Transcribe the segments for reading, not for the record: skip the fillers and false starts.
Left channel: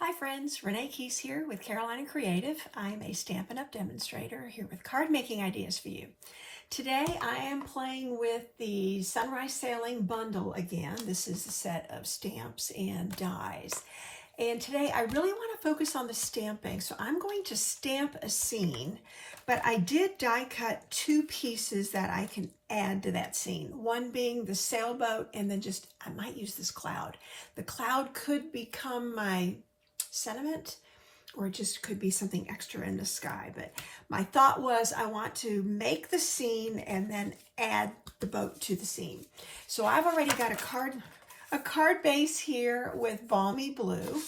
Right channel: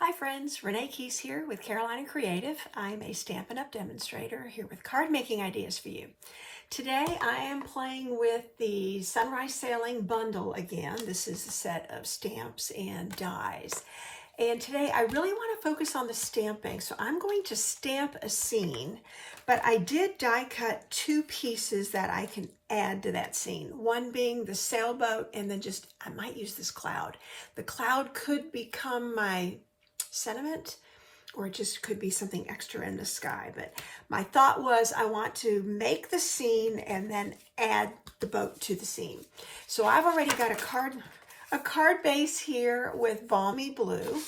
Hi friends, Renee Keys here with Carolina Creative. I'm a Stampin' Up! Demonstrator here with card making ideas for you. Today I am playing with the Sunrise Sailing bundle again. This is a set of stamps and dies. And today I really want to focus on the stamping. So I'm going to stamp a scene, but I did die cut two pieces that I can add to that scene. One being the sailboat, and then I might use this cloud. The cloud could become my sentiment, or it just could be something extra in the sky. But my thought was I want to make the scene and then add the boat to the scene. So I've already got a card base here with Balmy Blue.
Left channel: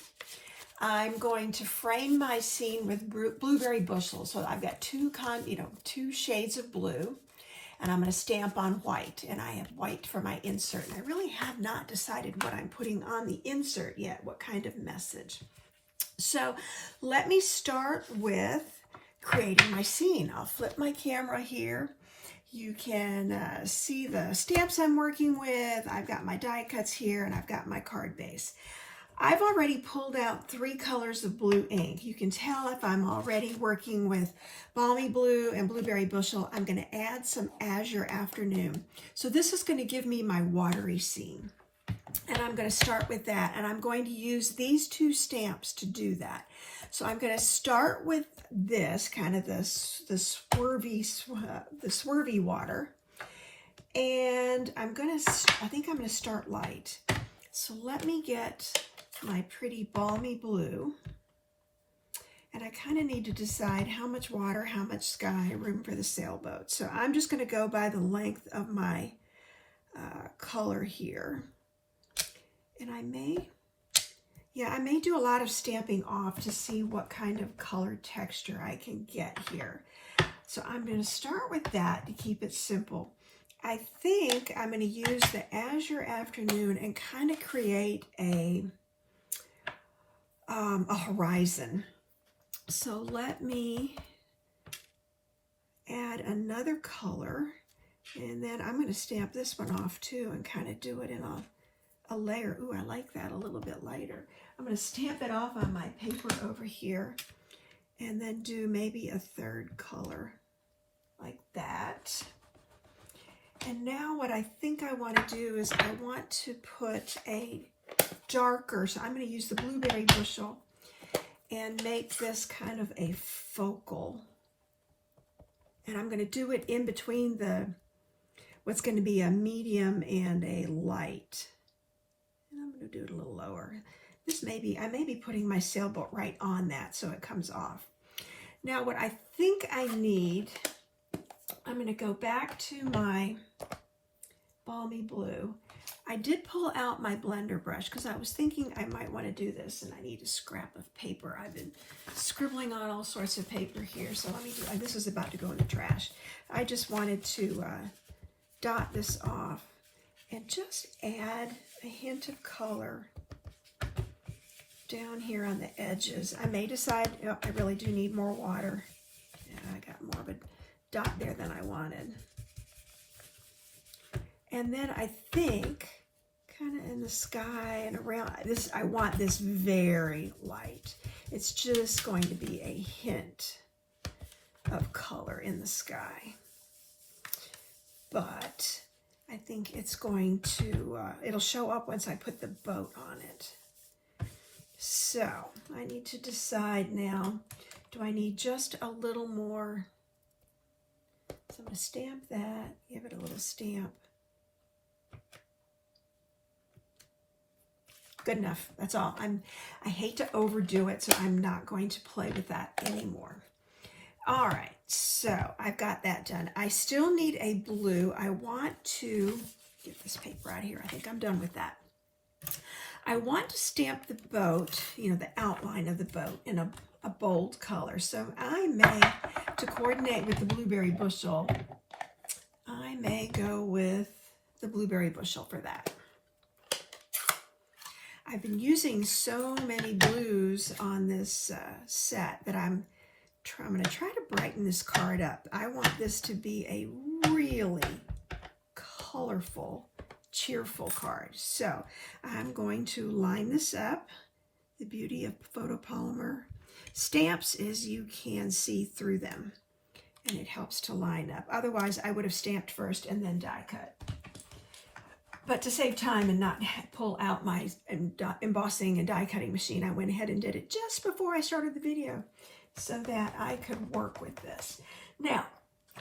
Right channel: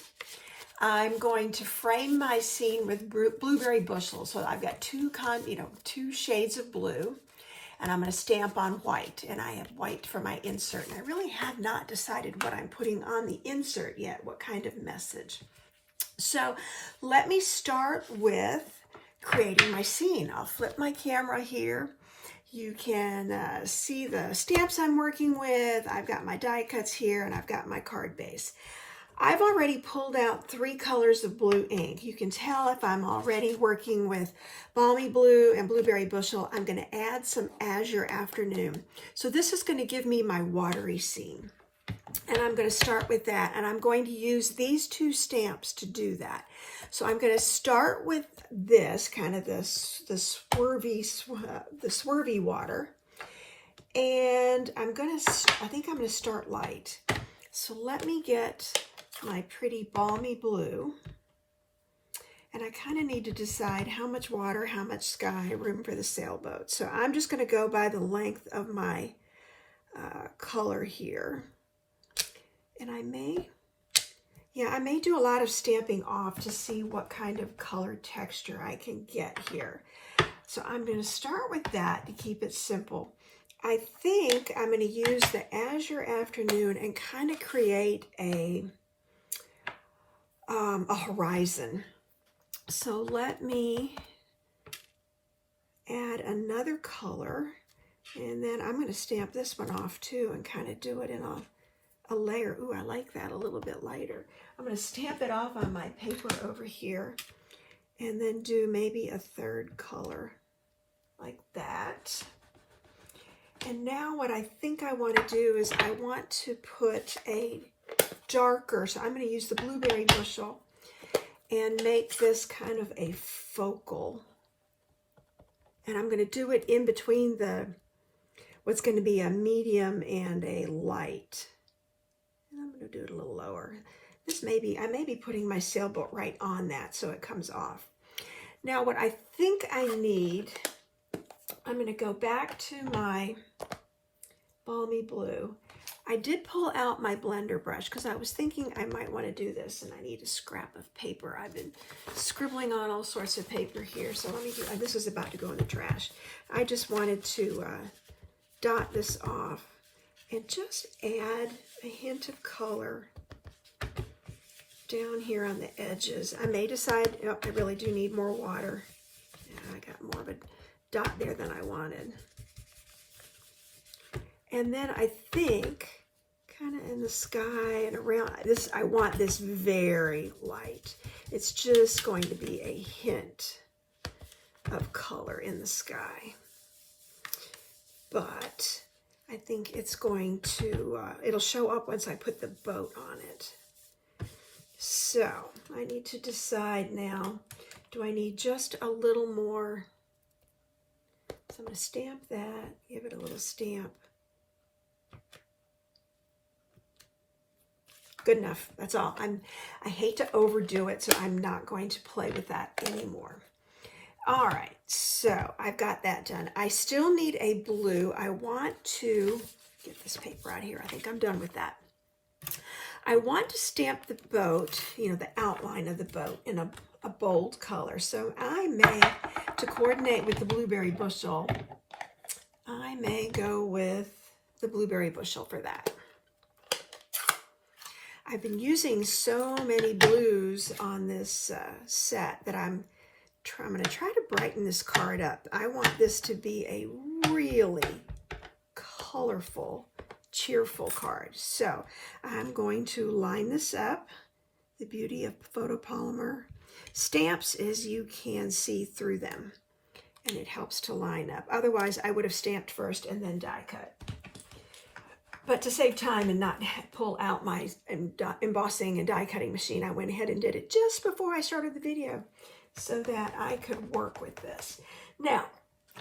I'm going to frame my scene with Blueberry Bushel. So I've got two shades of blue, and I'm going to stamp on white, and I have white for my insert. And I really have not decided what I'm putting on the insert yet, what kind of message. So let me start with creating my scene. I'll flip my camera here. You can see the stamps I'm working with. I've got my die cuts here, and I've got my card base. I've already pulled out 3 colors of blue ink. You can tell if I'm already working with Balmy Blue and Blueberry Bushel. I'm going to add some Azure Afternoon. So this is going to give me my watery scene. And I'm going to start with that, and I'm going to use these 2 stamps to do that. So I'm going to start with this, kind of the swervy water, and I think I'm going to start light. So let me get my pretty Balmy Blue, and I kind of need to decide how much water, how much sky, room for the sailboat. So I'm just going to go by the length of my color here. And I may do a lot of stamping off to see what kind of color texture I can get here. So I'm going to start with that to keep it simple. I think I'm going to use the Azure Afternoon and kind of create a horizon. So let me add another color, and then I'm going to stamp this one off too and kind of do it in a layer. Ooh, I like that a little bit lighter. I'm going to stamp it off on my paper over here and then do maybe a 3rd color like that. And now what I think I want to do is I want to put a darker, so I'm going to use the Blueberry Bushel and make this kind of a focal. And I'm going to do it in between what's going to be a medium and a light. I'm going to do it a little lower. I may be putting my sailboat right on that so it comes off. Now what I think I need, I'm going to go back to my Balmy Blue. I did pull out my blender brush because I was thinking I might want to do this, and I need a scrap of paper. I've been scribbling on all sorts of paper here, so let me do, this is about to go in the trash. I just wanted to dot this off and just add a hint of color down here on the edges. I may decide, oh, I really do need more water. Yeah, I got more of a dot there than I wanted. And then I think, kind of in the sky and around this, I want this very light. It's just going to be a hint of color in the sky. But I think it's going to, it'll show up once I put the boat on it. So I need to decide now, do I need just a little more? So I'm going to stamp that, give it a little stamp. Good enough, that's all. I hate to overdo it, so I'm not going to play with that anymore. All right, so I've got that done. I still need a blue. I want to get this paper out here. I think I'm done with that. I want to stamp the boat, the outline of the boat in a bold color. So I may, to coordinate with the Blueberry Bushel, I may go with the Blueberry Bushel for that. I've been using so many blues on this set that I'm going to try to brighten this card up. I want this to be a really colorful, cheerful card. So I'm going to line this up The beauty of photopolymer stamps is you can see through them, and it helps to line up. Otherwise, I would have stamped first and then die cut. But to save time and not pull out my embossing and die cutting machine, I went ahead and did it just before I started the video so that I could work with this. Now,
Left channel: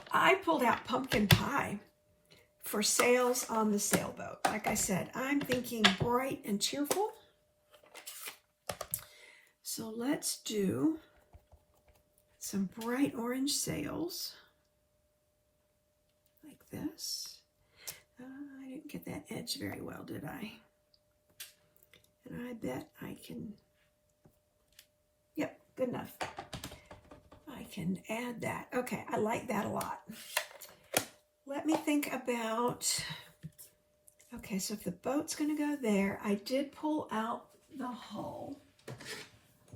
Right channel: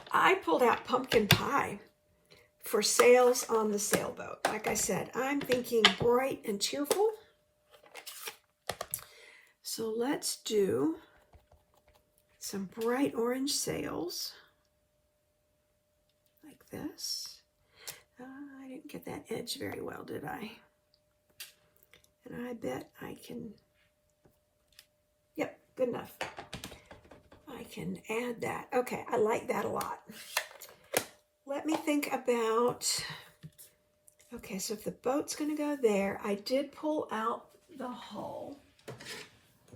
I pulled out pumpkin pie for sails on the sailboat. Like I said, I'm thinking bright and cheerful. So let's do some bright orange sails like this. I didn't get that edge very well, did I? And I bet I can, yep, good enough. I can add that. Okay, I like that a lot. Let me think about, okay, so if the boat's gonna go there, I did pull out the hull.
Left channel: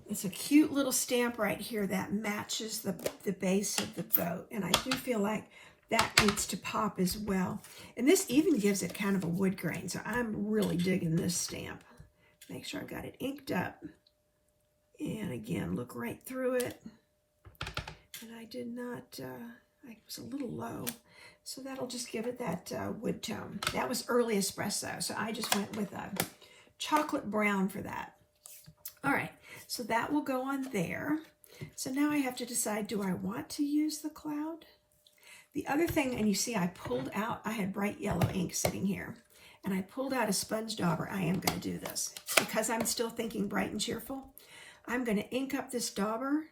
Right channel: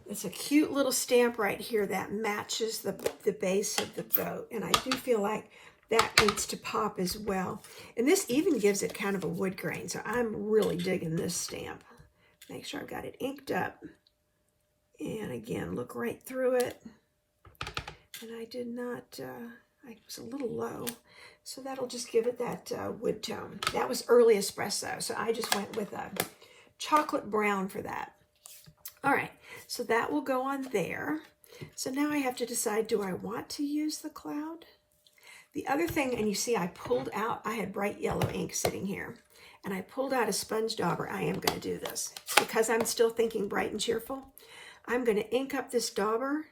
It's a cute little stamp right here that matches the base of the boat, and I do feel like that needs to pop as well. And this even gives it kind of a wood grain, so I'm really digging this stamp. Make sure I've got it inked up. And again, look right through it. And I did not, I was a little low, so that'll just give it that wood tone. That was early espresso, so I just went with a chocolate brown for that. All right, so that will go on there. So now I have to decide, do I want to use the cloud? The other thing, and you see I pulled out, I had bright yellow ink sitting here, and I pulled out a sponge dauber. I am going to do this because I'm still thinking bright and cheerful. I'm going to ink up this dauber,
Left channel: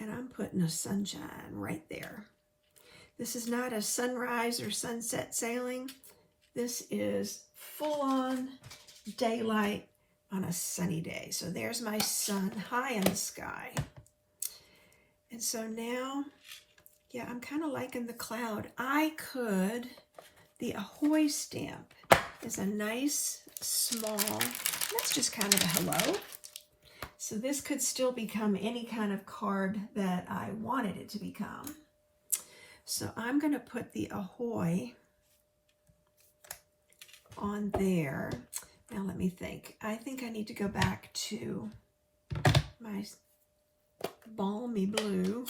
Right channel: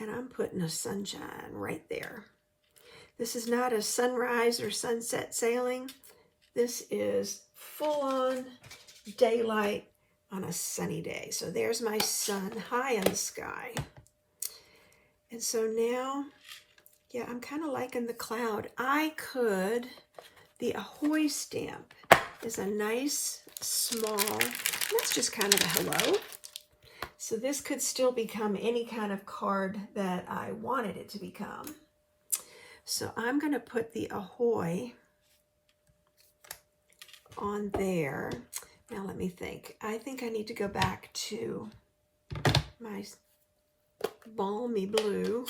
and I'm putting a sunshine right there. This is not a sunrise or sunset sailing. This is full-on daylight on a sunny day. So there's my sun high in the sky. And so now, yeah, I'm kind of liking the cloud. I could, the Ahoy stamp is a nice, small, that's just kind of a hello. So this could still become any kind of card that I wanted it to become. So I'm going to put the Ahoy on there. Now let me think. I think I need to go back to my balmy blue.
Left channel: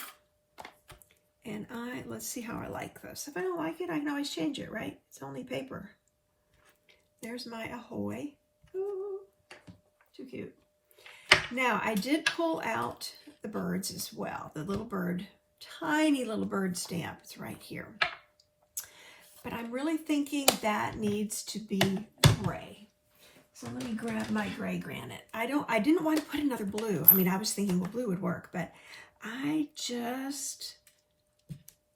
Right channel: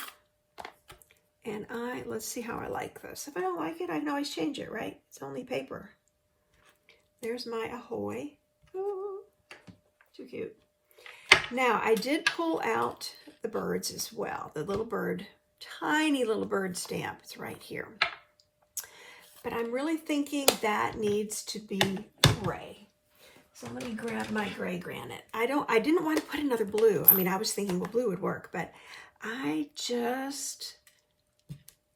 And let's see how I like this. If I don't like it, I can always change it, right? It's only paper. There's my Ahoy. Ooh, too cute. Now, I did pull out the birds as well. The little bird, tiny little bird stamp. It's right here. But I'm really thinking that needs to be gray. So let me grab my gray granite. I didn't want to put another blue. I mean, I was thinking, well, blue would work, but I just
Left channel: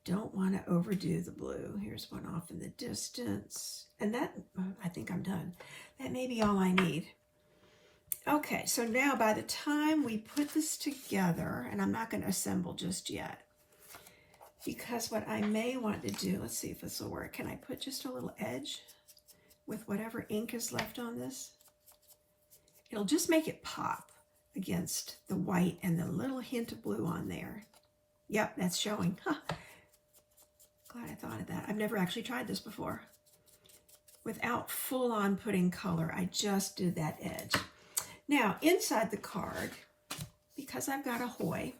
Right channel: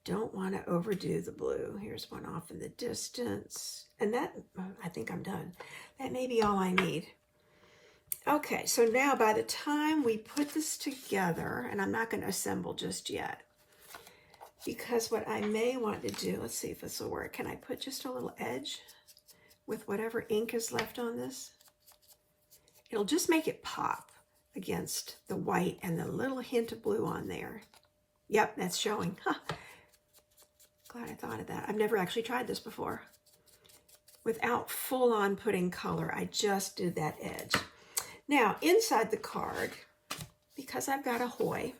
don't want to overdo the blue. Here's one off in the distance. And that, I think I'm done. That may be all I need. Okay, so now by the time we put this together, and I'm not going to assemble just yet, because what I may want to do, let's see if this will work. Can I put just a little edge with whatever ink is left on this? It'll just make it pop against the white and the little hint of blue on there. Yep, that's showing. Huh. Glad I thought of that. I've never actually tried this before. Without full-on putting color, I just did that edge. Now, inside the card, because I've got Ahoy,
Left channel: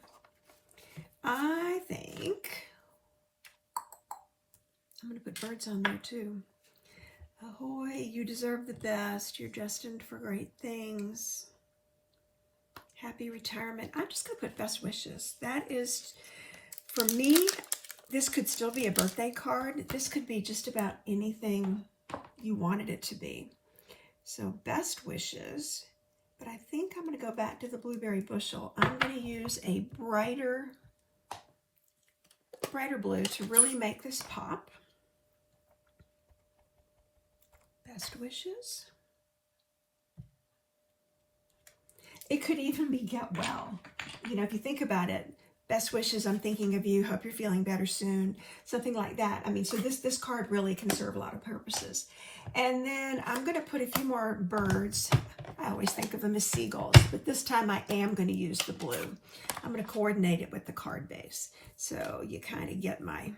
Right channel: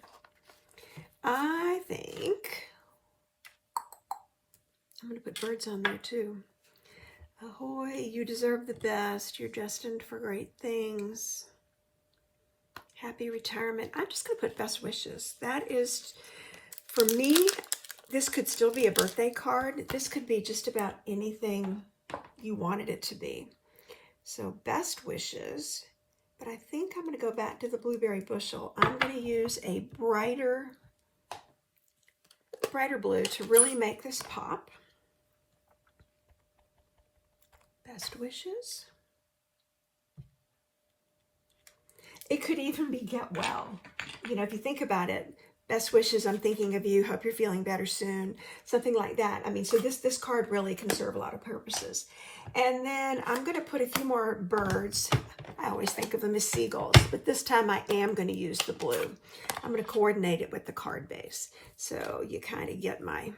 I think I'm going to put birds on there too. Ahoy, you deserve the best. You're destined for great things. Happy retirement. I'm just going to put best wishes. That is, for me, this could still be a birthday card. This could be just about anything you wanted it to be. So best wishes. But I think I'm going to go back to the blueberry bushel. I'm going to use a brighter blue to really make this pop. Best wishes. It could even be get well. You know, if you think about it, best wishes, I'm thinking of you, hope you're feeling better soon, something like that. I mean, so this card really can serve a lot of purposes. And then I'm going to put a few more birds. I always think of them as seagulls, but this time I am going to use the blue. I'm going to coordinate it with the card base. So you kind of get my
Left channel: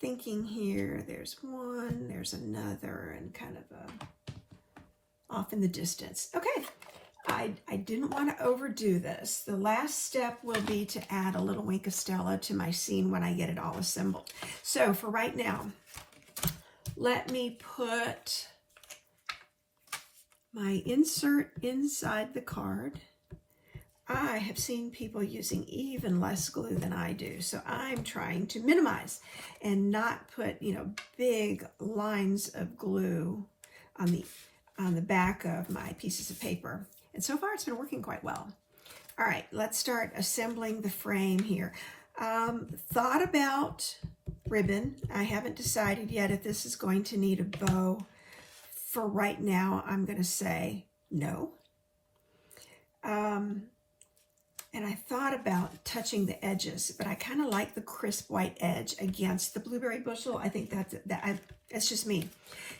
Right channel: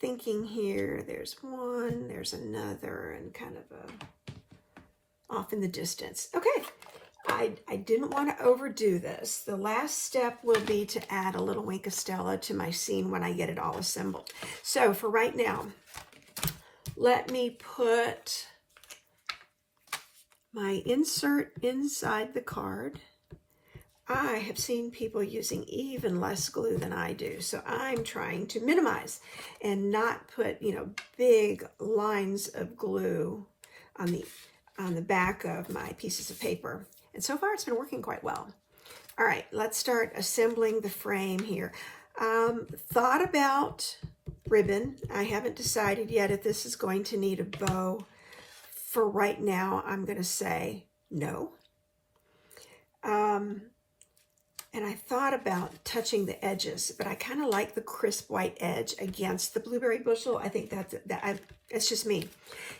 thinking here. There's one, there's another, and kind of off in the distance. Okay, I didn't want to overdo this. The last step will be to add a little Wink of Stella to my scene when I get it all assembled. So for right now, let me put my insert inside the card. I have seen people using even less glue than I do, so I'm trying to minimize and not put, big lines of glue on the back of my pieces of paper. And so far it's been working quite well. All right, let's start assembling the frame here. Thought about ribbon. I haven't decided yet if this is going to need a bow. For right now, I'm going to say no. And I thought about touching the edges, but I kind of like the crisp white edge against the blueberry bushel. I think that's just me.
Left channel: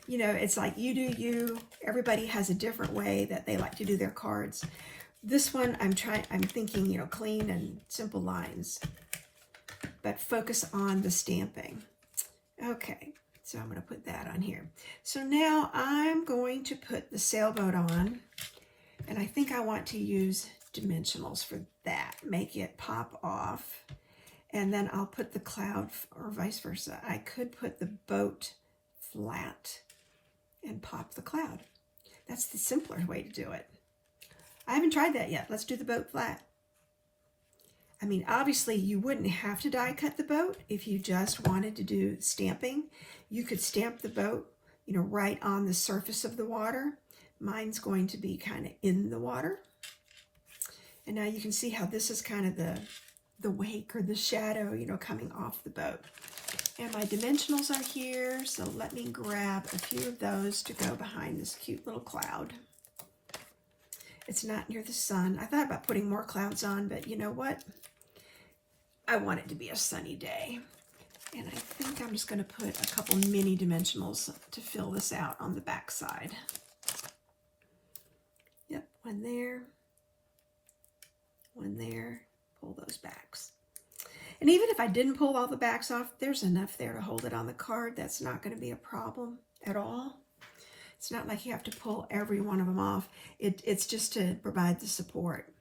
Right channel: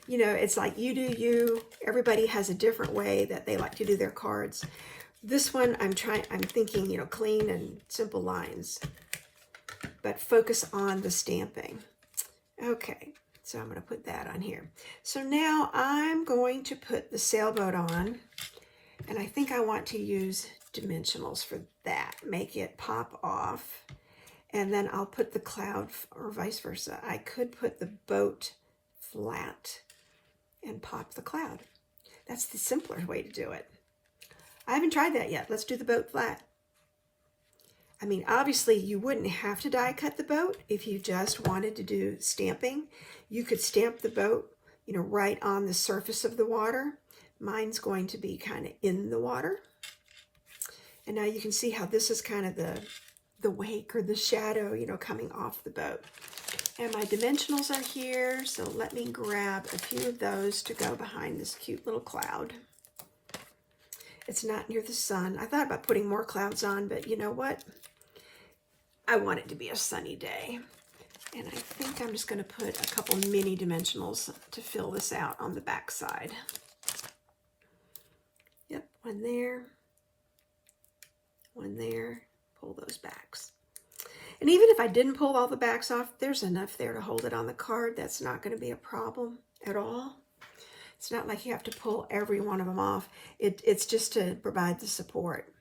It's like you do you. Everybody has a different way that they like to do their cards. This one, I'm thinking, clean and simple lines, but focus on the stamping. Okay, so I'm going to put that on here. So now I'm going to put the sailboat on, and I think I want to use dimensionals for that. Make it pop off, and then I'll put the cloud, or vice versa. I could put the boat flat and pop the cloud. That's the simpler way to do it. I haven't tried that yet. Let's do the boat flat. I mean, obviously you wouldn't have to die cut the boat if you just wanted to do stamping. You could stamp the boat, right on the surface of the water. Mine's going to be kind of in the water. And now you can see how this is kind of the wake or the shadow, coming off the boat. And my dimensionals are here, so let me grab a few of those to go behind this cute little cloud. It's not near the sun. I thought about putting more clouds on, but you know what? I want it to be a sunny day. And I think I'm just going to put a couple mini dimensionals to fill this out on the back side. Yep, one there. One there, pull those backs. And even if I didn't pull all the backs off, there's enough there to hold it on the card. That's not going to be a problem at all. It's not like you have to pull every one of them off. It's just to provide the support.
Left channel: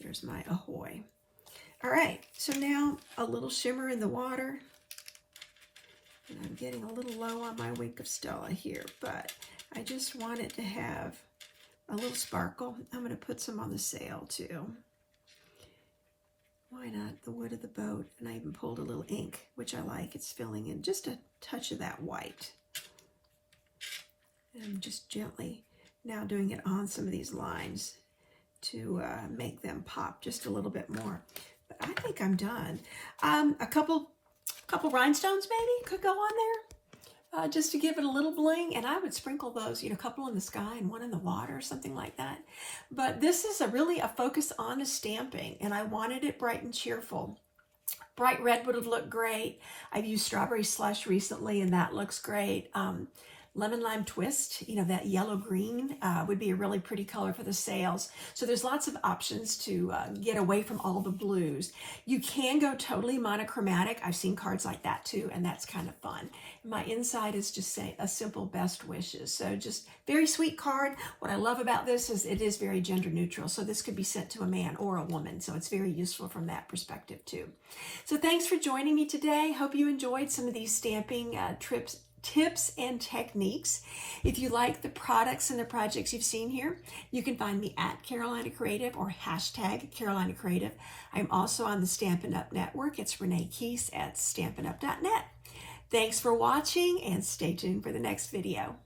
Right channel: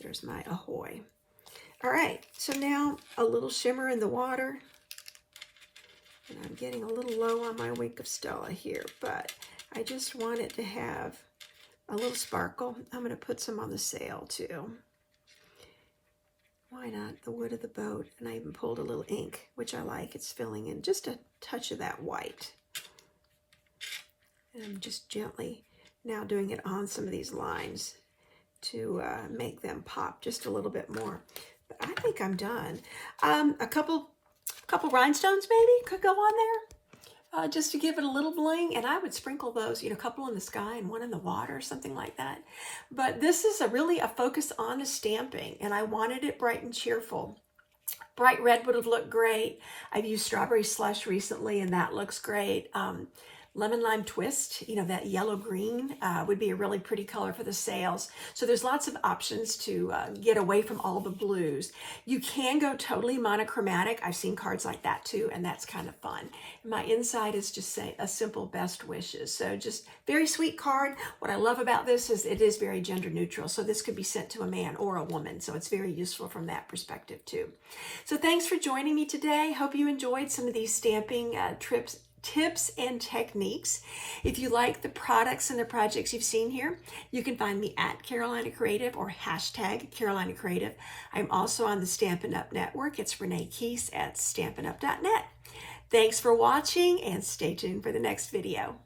There's my ahoy. All right, so now a little shimmer in the water. And I'm getting a little low on my Wink of Stella here, but I just want it to have a little sparkle. I'm going to put some on the sail too. Why not? The wood of the boat. And I even pulled a little ink, which I like. It's filling in just a touch of that white. And I'm just gently now doing it on some of these lines to make them pop just a little bit more. But I think I'm done. A couple rhinestones maybe could go on there. Just to give it a little bling, and I would sprinkle those, a couple in the sky and one in the water, something like that. But this is really a focus on the stamping, and I wanted it bright and cheerful. Bright red would have looked great. I've used strawberry slush recently, and that looks great. Lemon lime twist, that yellow green would be a really pretty color for the sails. So there's lots of options to get away from all the blues. You can go totally monochromatic. I've seen cards like that too, and that's kind of fun. My inside is just a simple best wishes. So just very sweet card. What I love about this is it is very gender neutral. So this could be sent to a man or a woman. So it's very useful from that perspective too. So thanks for joining me today. Hope you enjoyed some of these stamping tips and techniques. If you like the products and the projects you've seen here, you can find me at Carolina Creative or hashtag Carolina Creative. I'm also on the Stampin' Up! Network. It's Renee Keese at stampinup.net. Thanks for watching, and stay tuned for the next video.